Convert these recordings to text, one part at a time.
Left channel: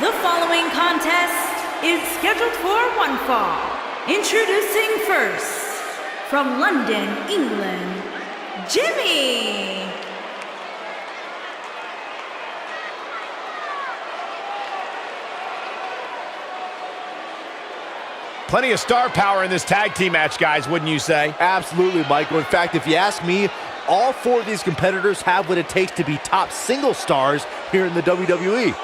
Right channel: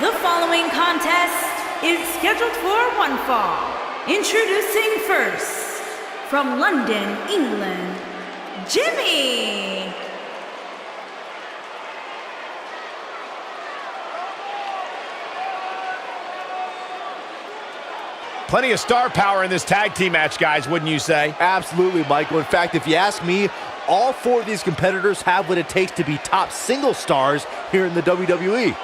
The following contest is scheduled for one fall. Introducing first, from London, England, Jinny. Plenty of star power in this tag team match, guys, wouldn't you say? Absolutely, Michael. In fact, if you ask me, all four of these competitors have what it takes to be top single stars here in the WWE.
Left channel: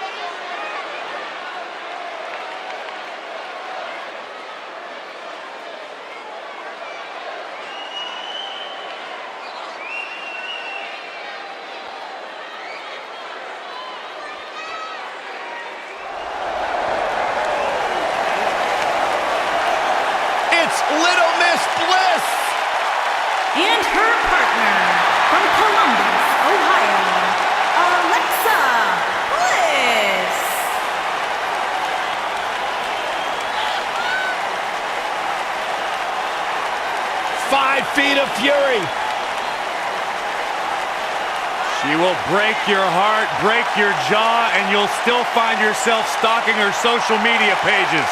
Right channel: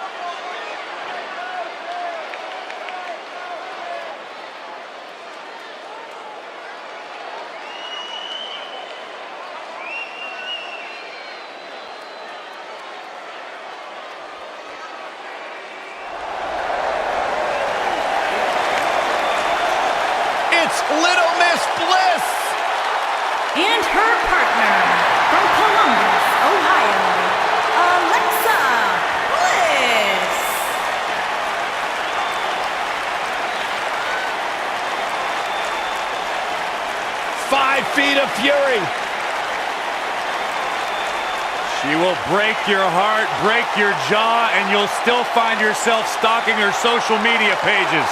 It's Little Miss Bliss! And her partner, from Columbus, Ohio, Alexa Bliss. Five feet of fury. She will break your heart, break your jaw, and you'll still find yourself stalking her social media pages.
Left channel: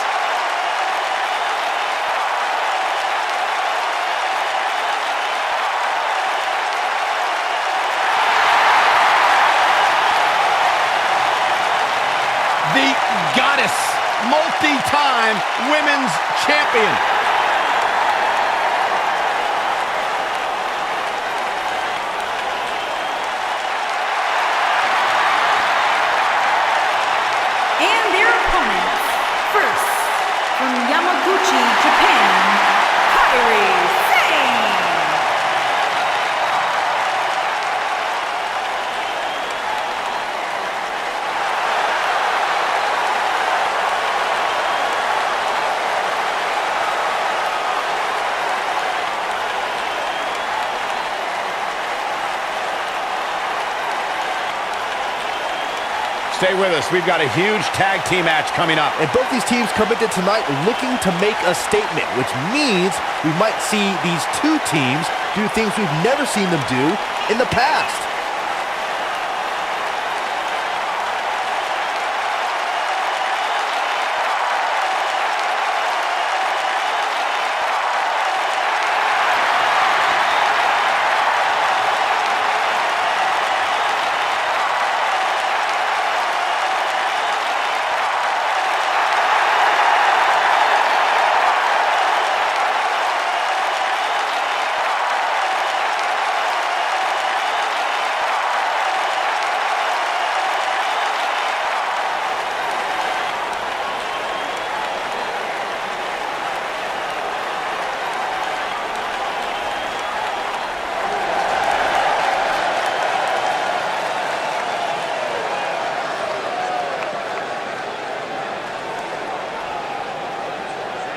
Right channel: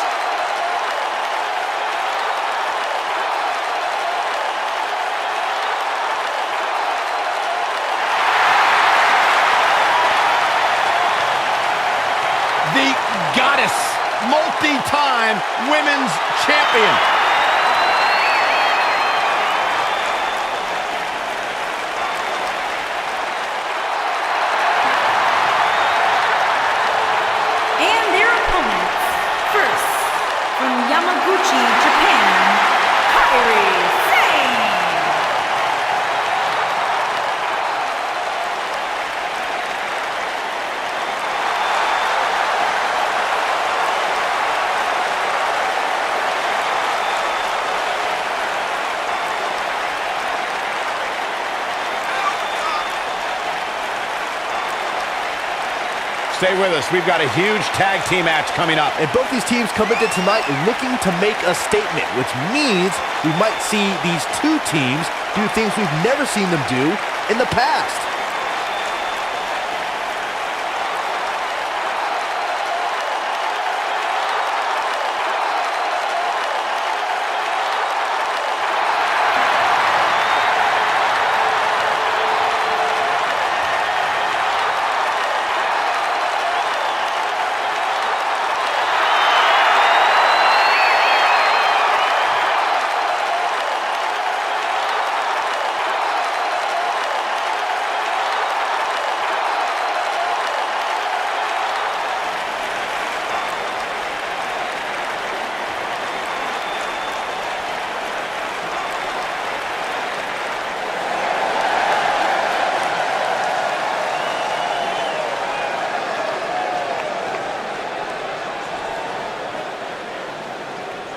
The goddess, multi-time women's champion. And their opponents, first, from Yamaguchi, Japan, Kairi, Sane. Stay with us. We've got a huge tag team match coming up. And both these teams come into tonight looking to make a statement, which means we might see these two teams do things we've never seen them do in the past.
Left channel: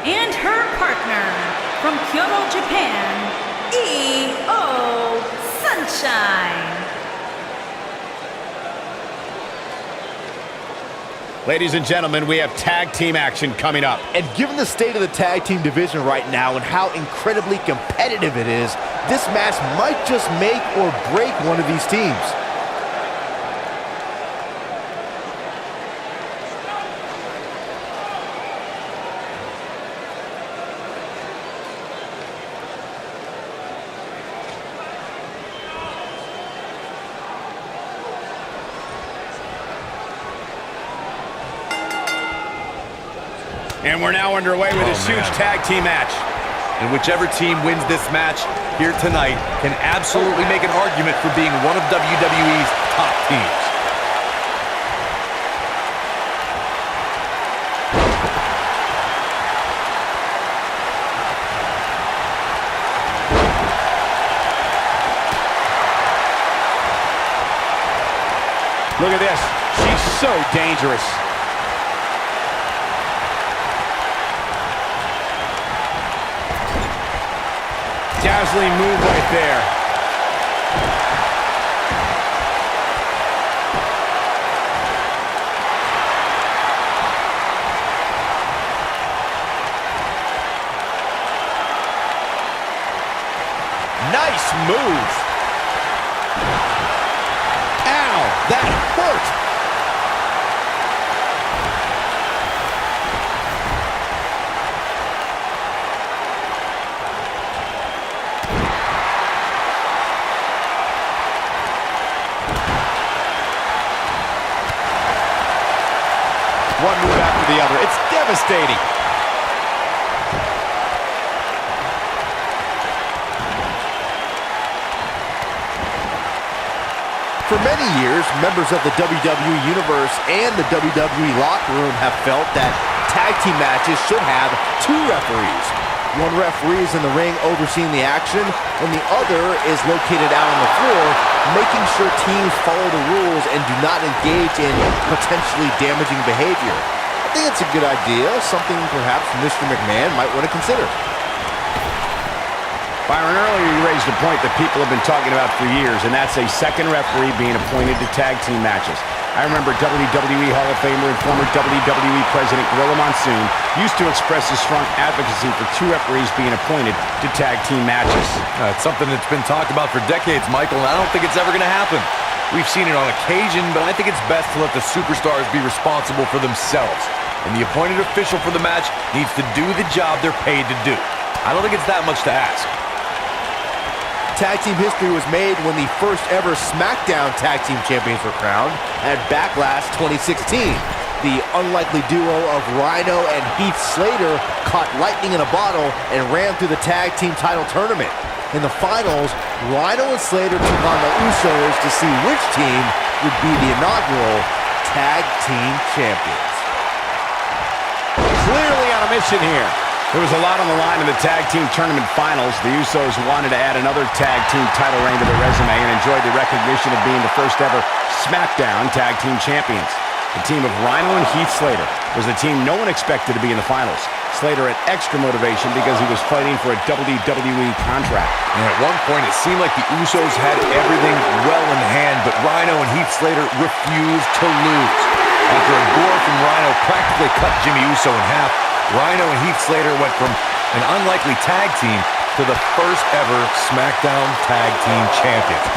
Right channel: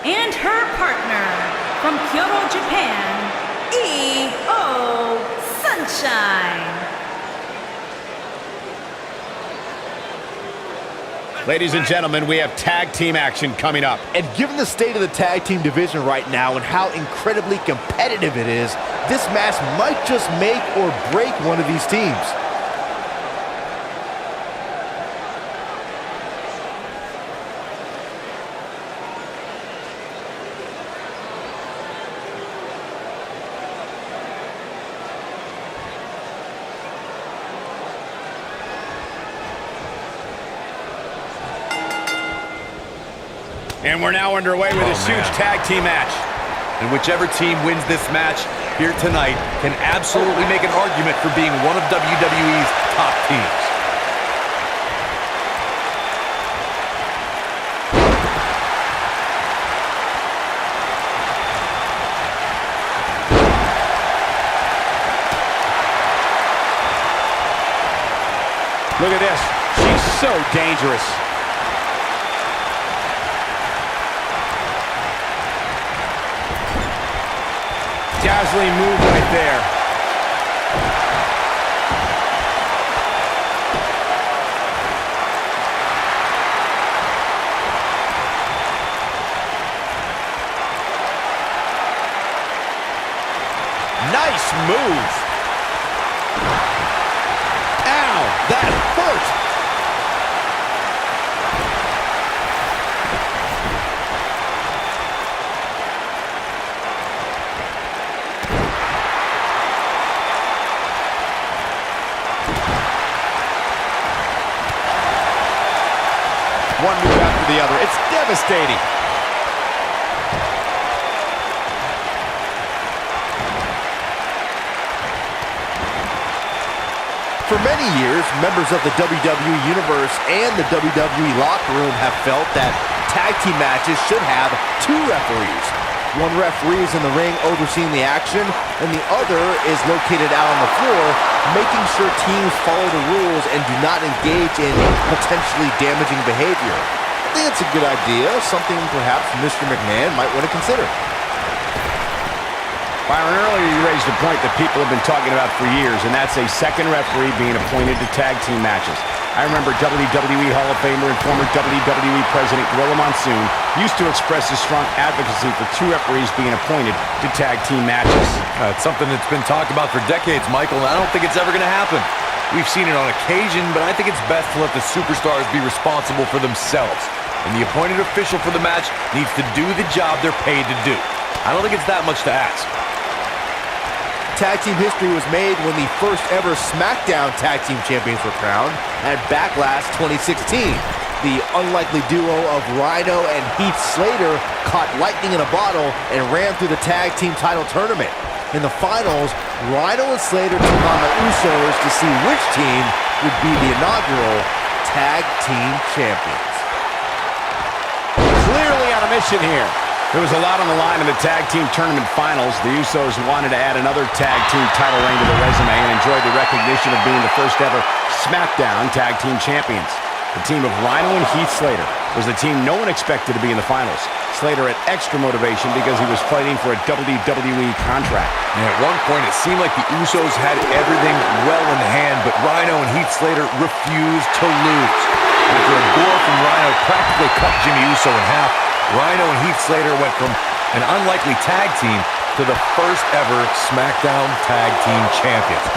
And her partner, from Kyoto, Japan, E.O. Sunshine. Ladies and gentlemen, we have tag team action coming up. And given the state of the tag team division right now and how incredibly competitive it is, this match might just make or break one of these teams. And we're now underway with this huge tag team match. And whichever team wins this match here tonight can absolutely make an argument for being one of WWE's top teams. Look at this. She's so dangerous. Dazzling move right there. Nice move. Ow, that hurt. one move after the other. It's devastating. For many years, members of the WWE Universe and the WWE locker room have felt that tag team matches should have two referees. One referee is in the ring overseeing the action, and the other is located out on the floor, making sure teams follow the rules and do not engage in potentially damaging behavior. I think it's a good idea, something perhaps Mr. McMahon might want to consider. Byron, earlier you raised a point that people have been talking about for years, and that's a second referee being appointed to tag team matches. I remember WWE Hall of Famer and former WWE President Gorilla Monsoon used to express his strong advocacy for two referees being appointed to tag team matches. It's something that's been talked about for decades, Michael, and I don't think it's ever going to happen. We've seen it on occasion, but I think it's best to let the superstars be responsible for themselves. And the appointed official for the match needs to do the job they're paid to do. I don't think it's that much to ask. Tag team history was made when the first ever SmackDown Tag Team Champions were crowned at Backlash 2016. The unlikely duo of Rhino and Heath Slater caught lightning in a bottle and ran through the tag team title tournament. In the finals, Rhino and Slater took on the Usos to see which team would be the inaugural Tag Team Champions. Clearly on a mission here. There was a lot on the line in the tag team tournament finals. The Usos wanted to add another tag team title reign to their resume and enjoyed the recognition of being the first ever SmackDown Tag Team Champions. The team of Rhino and Heath Slater was the team no one expected to be in the finals. Slater had extra motivation because he was fighting for a WWE contract. And at one point, it seemed like the Usos had everything well in hand, but Rhino and Heath Slater refused to lose. After a gore from Rhino practically cut Jimmy Uso in half, Rhino and Heath Slater went from an unlikely tag team to the first ever SmackDown Tag Team Champions.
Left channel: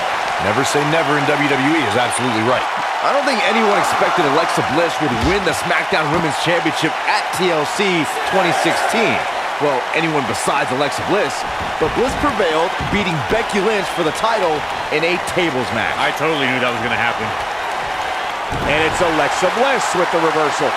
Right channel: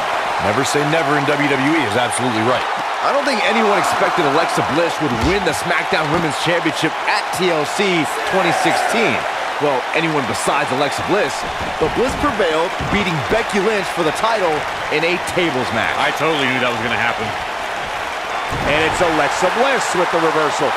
Never say never in WWE is absolutely right. I don't think anyone expected Alexa Bliss would win the SmackDown Women's Championship at TLC 2016. Well, anyone besides Alexa Bliss. But Bliss prevailed, beating Becky Lynch for the title in a tables match. I totally knew that was going to happen. And it's Alexa Bliss with the reversal.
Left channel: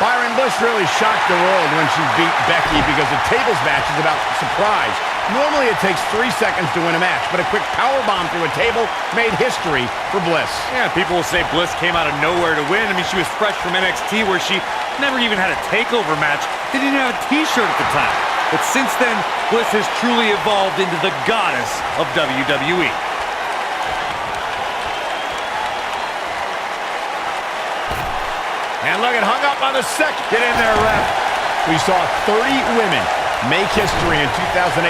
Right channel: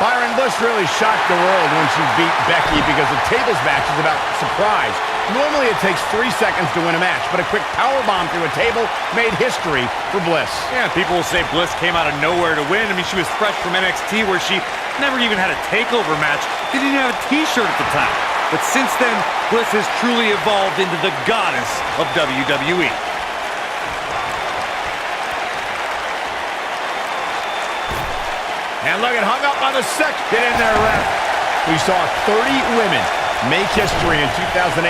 Byron, Bliss really shocked the world when she beat Becky because the tables match is about surprise. Normally it takes 3 seconds to win a match, but a quick powerbomb through a table made history for Bliss. Yeah, people will say Bliss came out of nowhere to win. I mean, she was fresh from NXT where she never even had a takeover match. They didn't have a t-shirt at the time. But since then, Bliss has truly evolved into the goddess of WWE. And look, it hung up on the second. Get in there, ref. We saw 30 women make history in 2018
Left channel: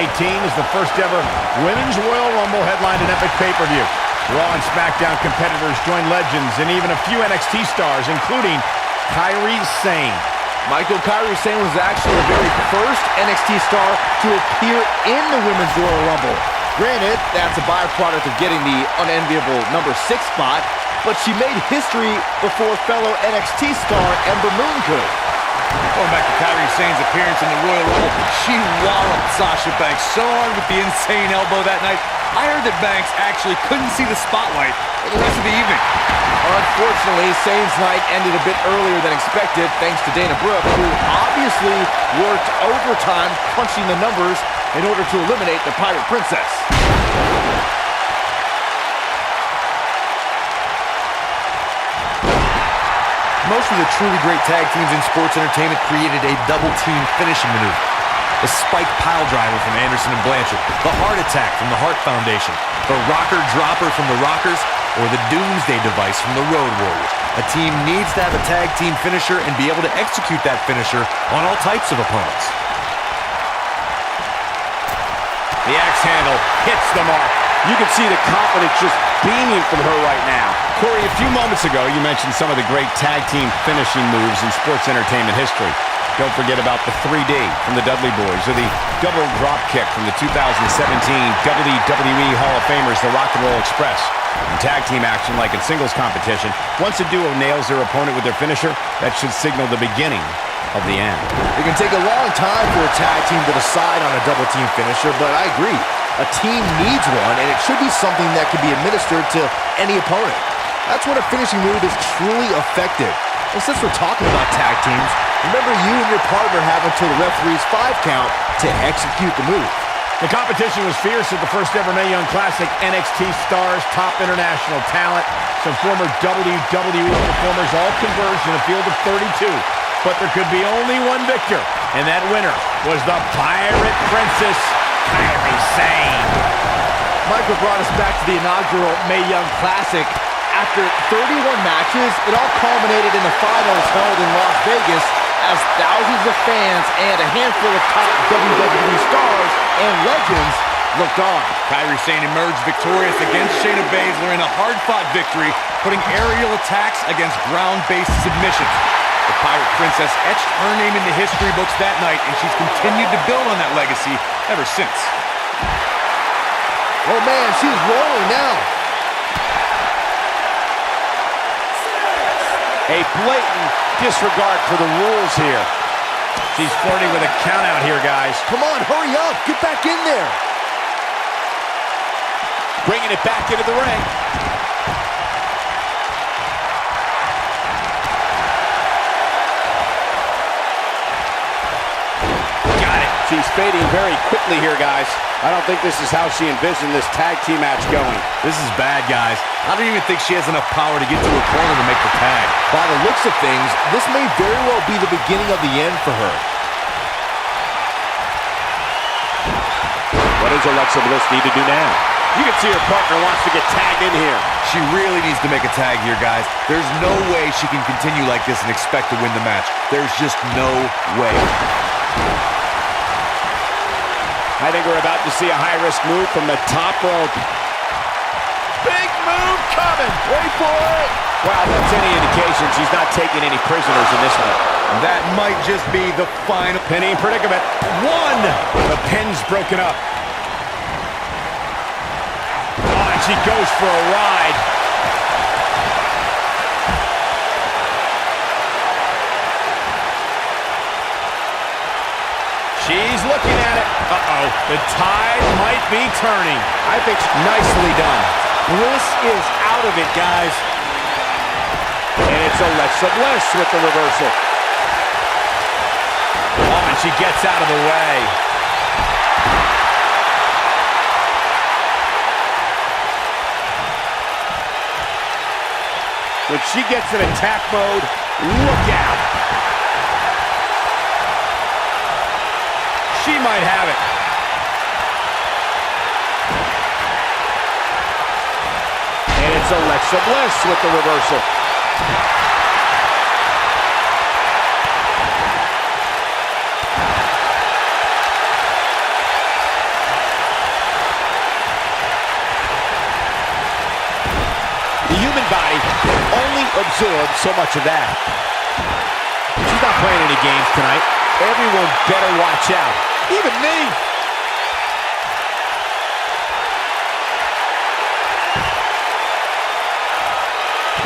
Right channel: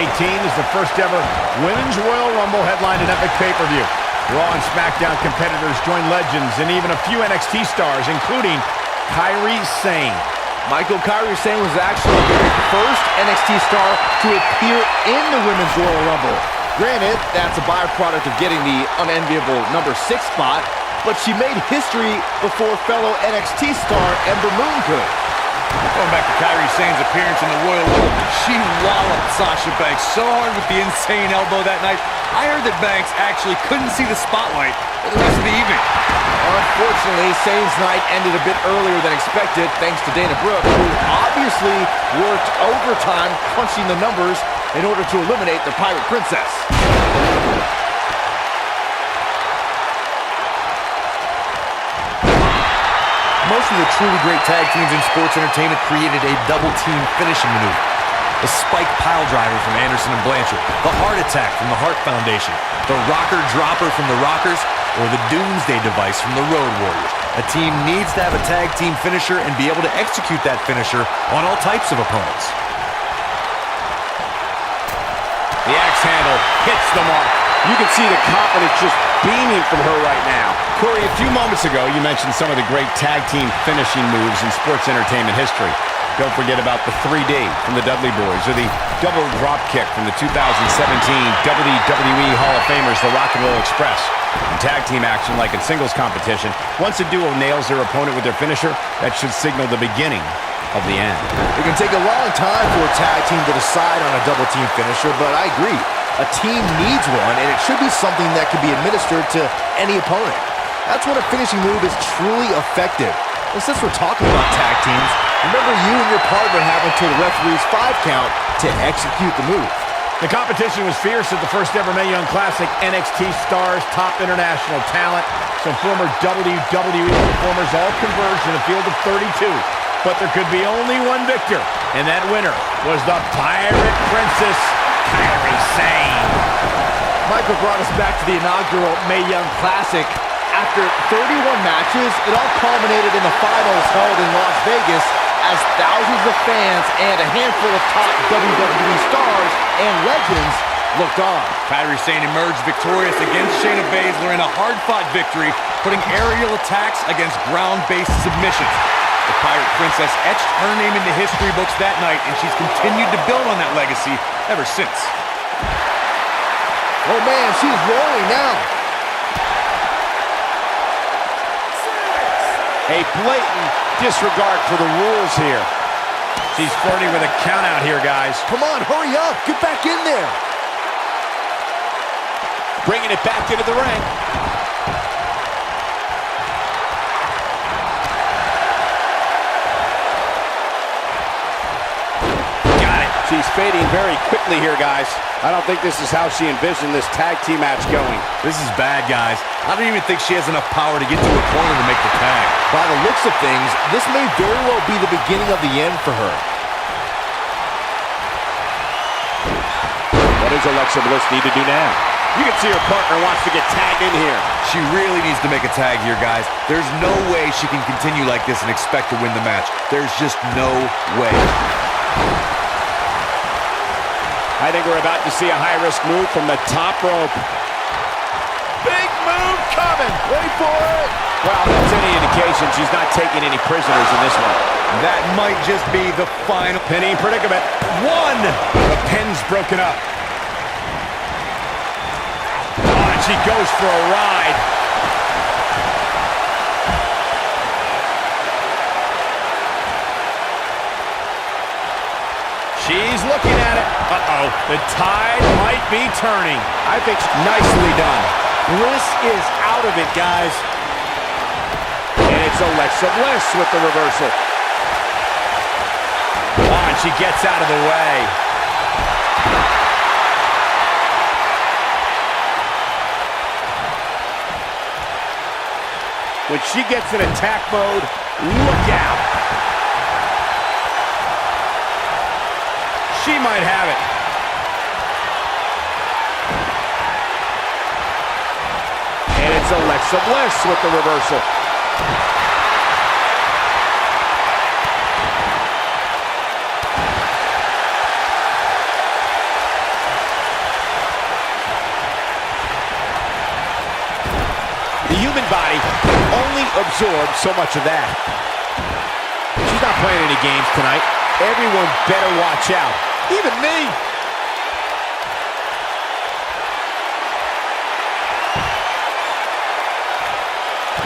as the first ever Women's Royal Rumble headlined an epic pay-per-view. Raw and SmackDown competitors joined legends and even a few NXT stars, including Kairi Sane. Michael, Kairi Sane was actually the very first NXT star to appear in the Women's Royal Rumble. Granted, that's a byproduct of getting the unenviable number 6 spot, but she made history before fellow NXT star Ember Moon could. Going back to Kairi Sane's appearance in the Royal Rumble, she walloped Sasha Banks so hard with the insane elbow that night. I heard that Banks actually couldn't see the spotlight for the rest of the evening. Unfortunately, Sane's night ended a bit earlier than expected thanks to Dana Brooke, who obviously worked overtime crunching the numbers in order to eliminate the Pirate Princess. Most of the truly great tag teams in sports entertainment created a double-team finishing maneuver. The spike pile driver from Anderson and Blanchard, the heart attack from the Hart Foundation, the rocker dropper from the Rockers, or the Doomsday device from the Road Warriors. A team needs to have a tag team finisher and be able to execute that finisher on all types of opponents. The axe handle hits the mark. You can see the confidence just beaming from her right now. Corey, a few moments ago, you mentioned some of the great tag team finishing moves in sports entertainment history. Don't forget about the 3D from the Dudley Boys or the double drop kick from the 2017 WWE Hall of Famers, the Rock and Roll Express. In tag team action, like in singles competition, once a duo nails their opponent with their finisher, that should signal the beginning of the end. It can take a long time for a tag team to decide on a double team finisher, but I agree. A team needs one, and it should be something that can be administered to any opponent. That's when a finishing move is truly effective. Well, since we're talking about tag teams, remember you and your partner have until the referee's 5 count to execute the move. The competition was fierce at the first ever Mae Young Classic. NXT stars, top international talent, some former WWE performers all converged in a field of 32. But there could be only one victor, and that winner was the Pirate Princess, Kairi Sane. Michael brought us back to the inaugural Mae Young Classic. After 31 matches, it all culminated in the finals held in Las Vegas as thousands of fans and a handful of top WWE stars and legends looked on. Kairi Sane emerged victorious against Shayna Baszler in a hard-fought victory, putting aerial attacks against ground-based submissions. The Pirate Princess etched her name into history books that night, and she's continued to build on that legacy ever since. Oh man, she's rolling now. A blatant disregard for the rules here. She's flirting with a count out here, guys. Come on, hurry up. Get back in there. Bringing it back into the ring. Got it. She's fading very quickly here, guys. I don't think this is how she envisioned this tag team match going. This is bad, guys. I don't even think she has enough power to get to a corner to make the tag. By the looks of things, this may very well be the beginning of the end for her. What does Alexa Bliss need to do now? You can see her partner wants to get tagged in here. She really needs to make a tag here, guys. There's no way she can continue like this and expect to win the match. There's just no way. I think we're about to see a high-risk move from the top rope. Big move coming. Wait for it. Well, if that's any indication, she's not taking any prisoners in this one. That might just be the final. Pinning predicament. One. The pin's broken up. Oh, and she goes for a ride. She's looking at it. Uh-oh. The tide might be turning. I think nicely done. Bliss is out of it, guys. And it's Alexa Bliss with the reversal. Oh, and she gets out of the way. When she gets in attack mode, look out. She might have it. And it's Alexa Bliss with the reversal. The human body can only absorb so much of that. She's not playing any games tonight. Everyone better watch out. Even me.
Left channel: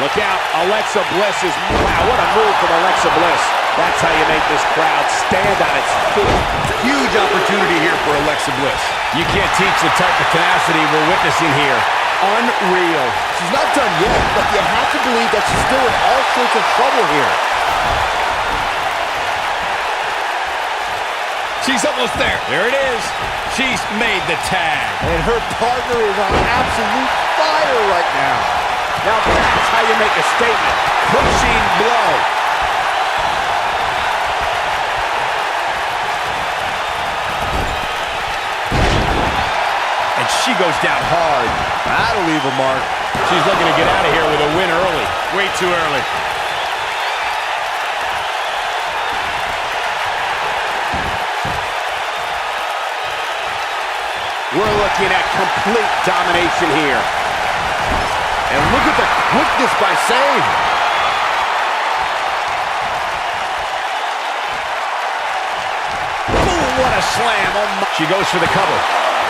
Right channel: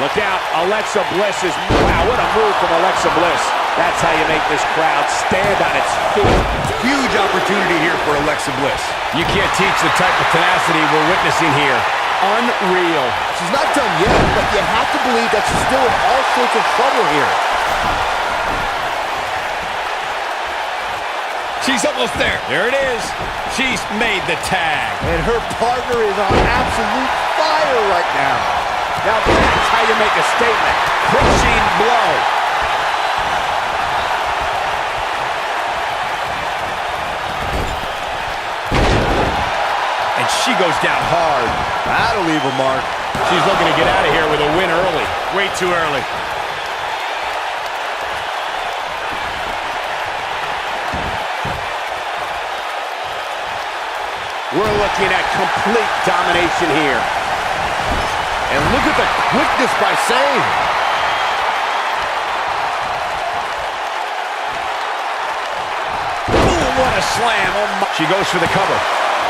Look out. Alexa Bliss is... Wow, what a move from Alexa Bliss. That's how you make this crowd stand on its feet. Huge opportunity here for Alexa Bliss. You can't teach the type of tenacity we're witnessing here. Unreal. She's not done yet, but you have to believe that she's still in all sorts of trouble here. She's almost there. There it is. She's made the tag. And her partner is on absolute fire right now. Now that's how you make a statement. Crushing blow. And she goes down hard. That'll leave a mark. She's looking to get out of here with a win early. Way too early. We're looking at complete domination here. And look at the quickness by Sane. Boom, what a slam. Oh my. She goes for the cover.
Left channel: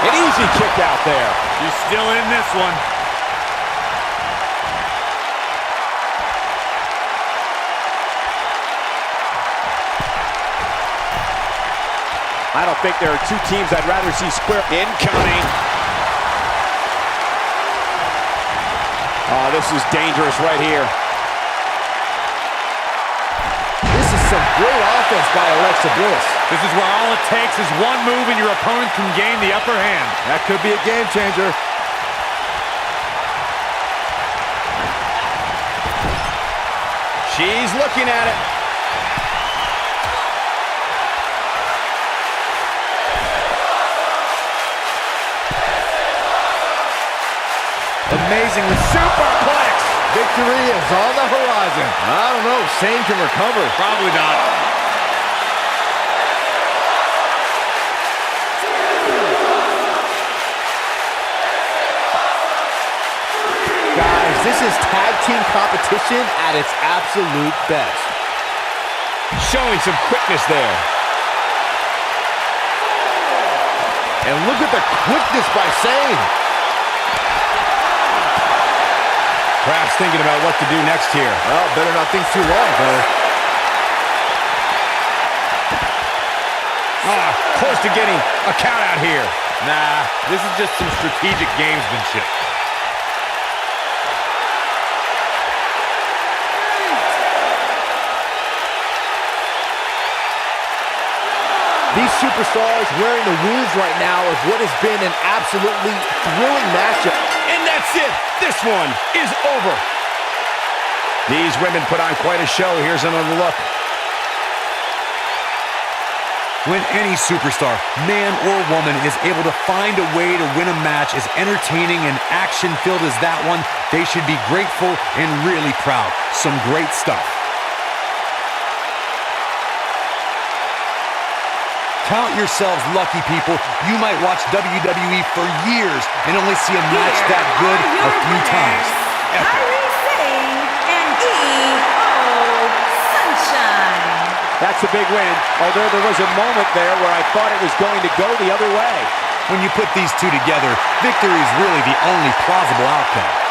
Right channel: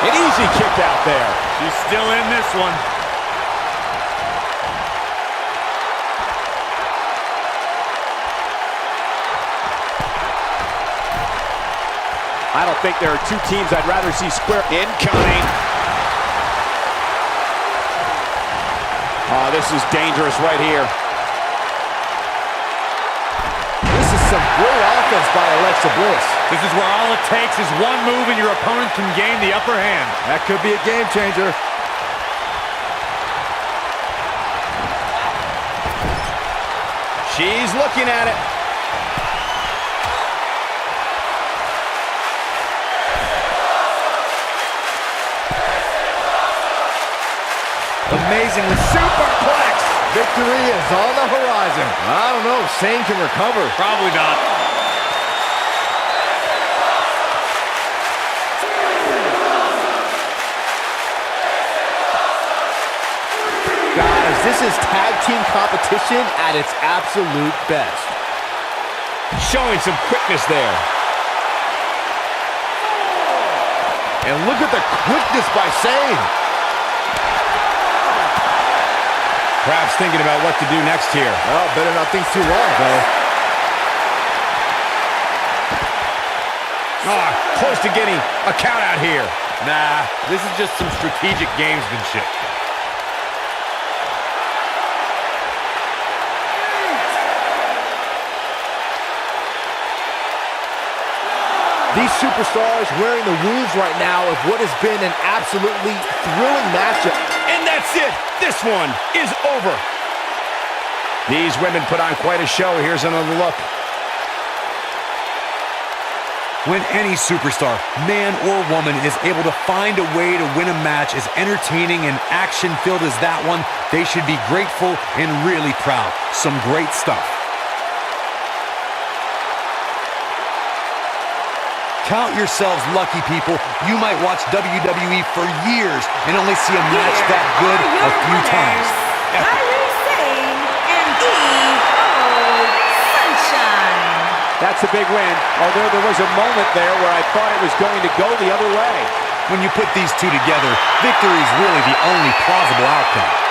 An easy kick out there. She's still in this one. I don't think there are two teams I'd rather see square. Incoming. Oh, this is dangerous right here. some great offense by Alexa Bliss. This is where all it takes is one move and your opponent can gain the upper hand. That could be a game changer. She's looking at it. Amazingly superplex. Victory is on the horizon. I don't know, Sane can recover. Probably not. Guys, this is tag team competition at its absolute best. Showing some quickness there. And look at the quickness by Sane. Perhaps thinking about what to do next here. Well, better not think too long, though. Ah, close to getting a count out here. Nah, this is just some strategic gamesmanship. These superstars wearing the wounds right now of what has been an absolutely thrilling matchup. And that's it. This one is over. These women put on quite a show. Here's another look. When any superstar, man or woman, is able to find a way to win a match as entertaining and action-filled as that one, they should be grateful and really proud. Some great stuff. Count yourselves lucky, people. You might watch WWE for years and only see a match Here that good are your a few winners, times. Epic. Kairi, Sane, and Sunshine. That's a big win, although there was a moment there where I thought it was going to go the other way. When you put these two together, victory is really the only plausible outcome.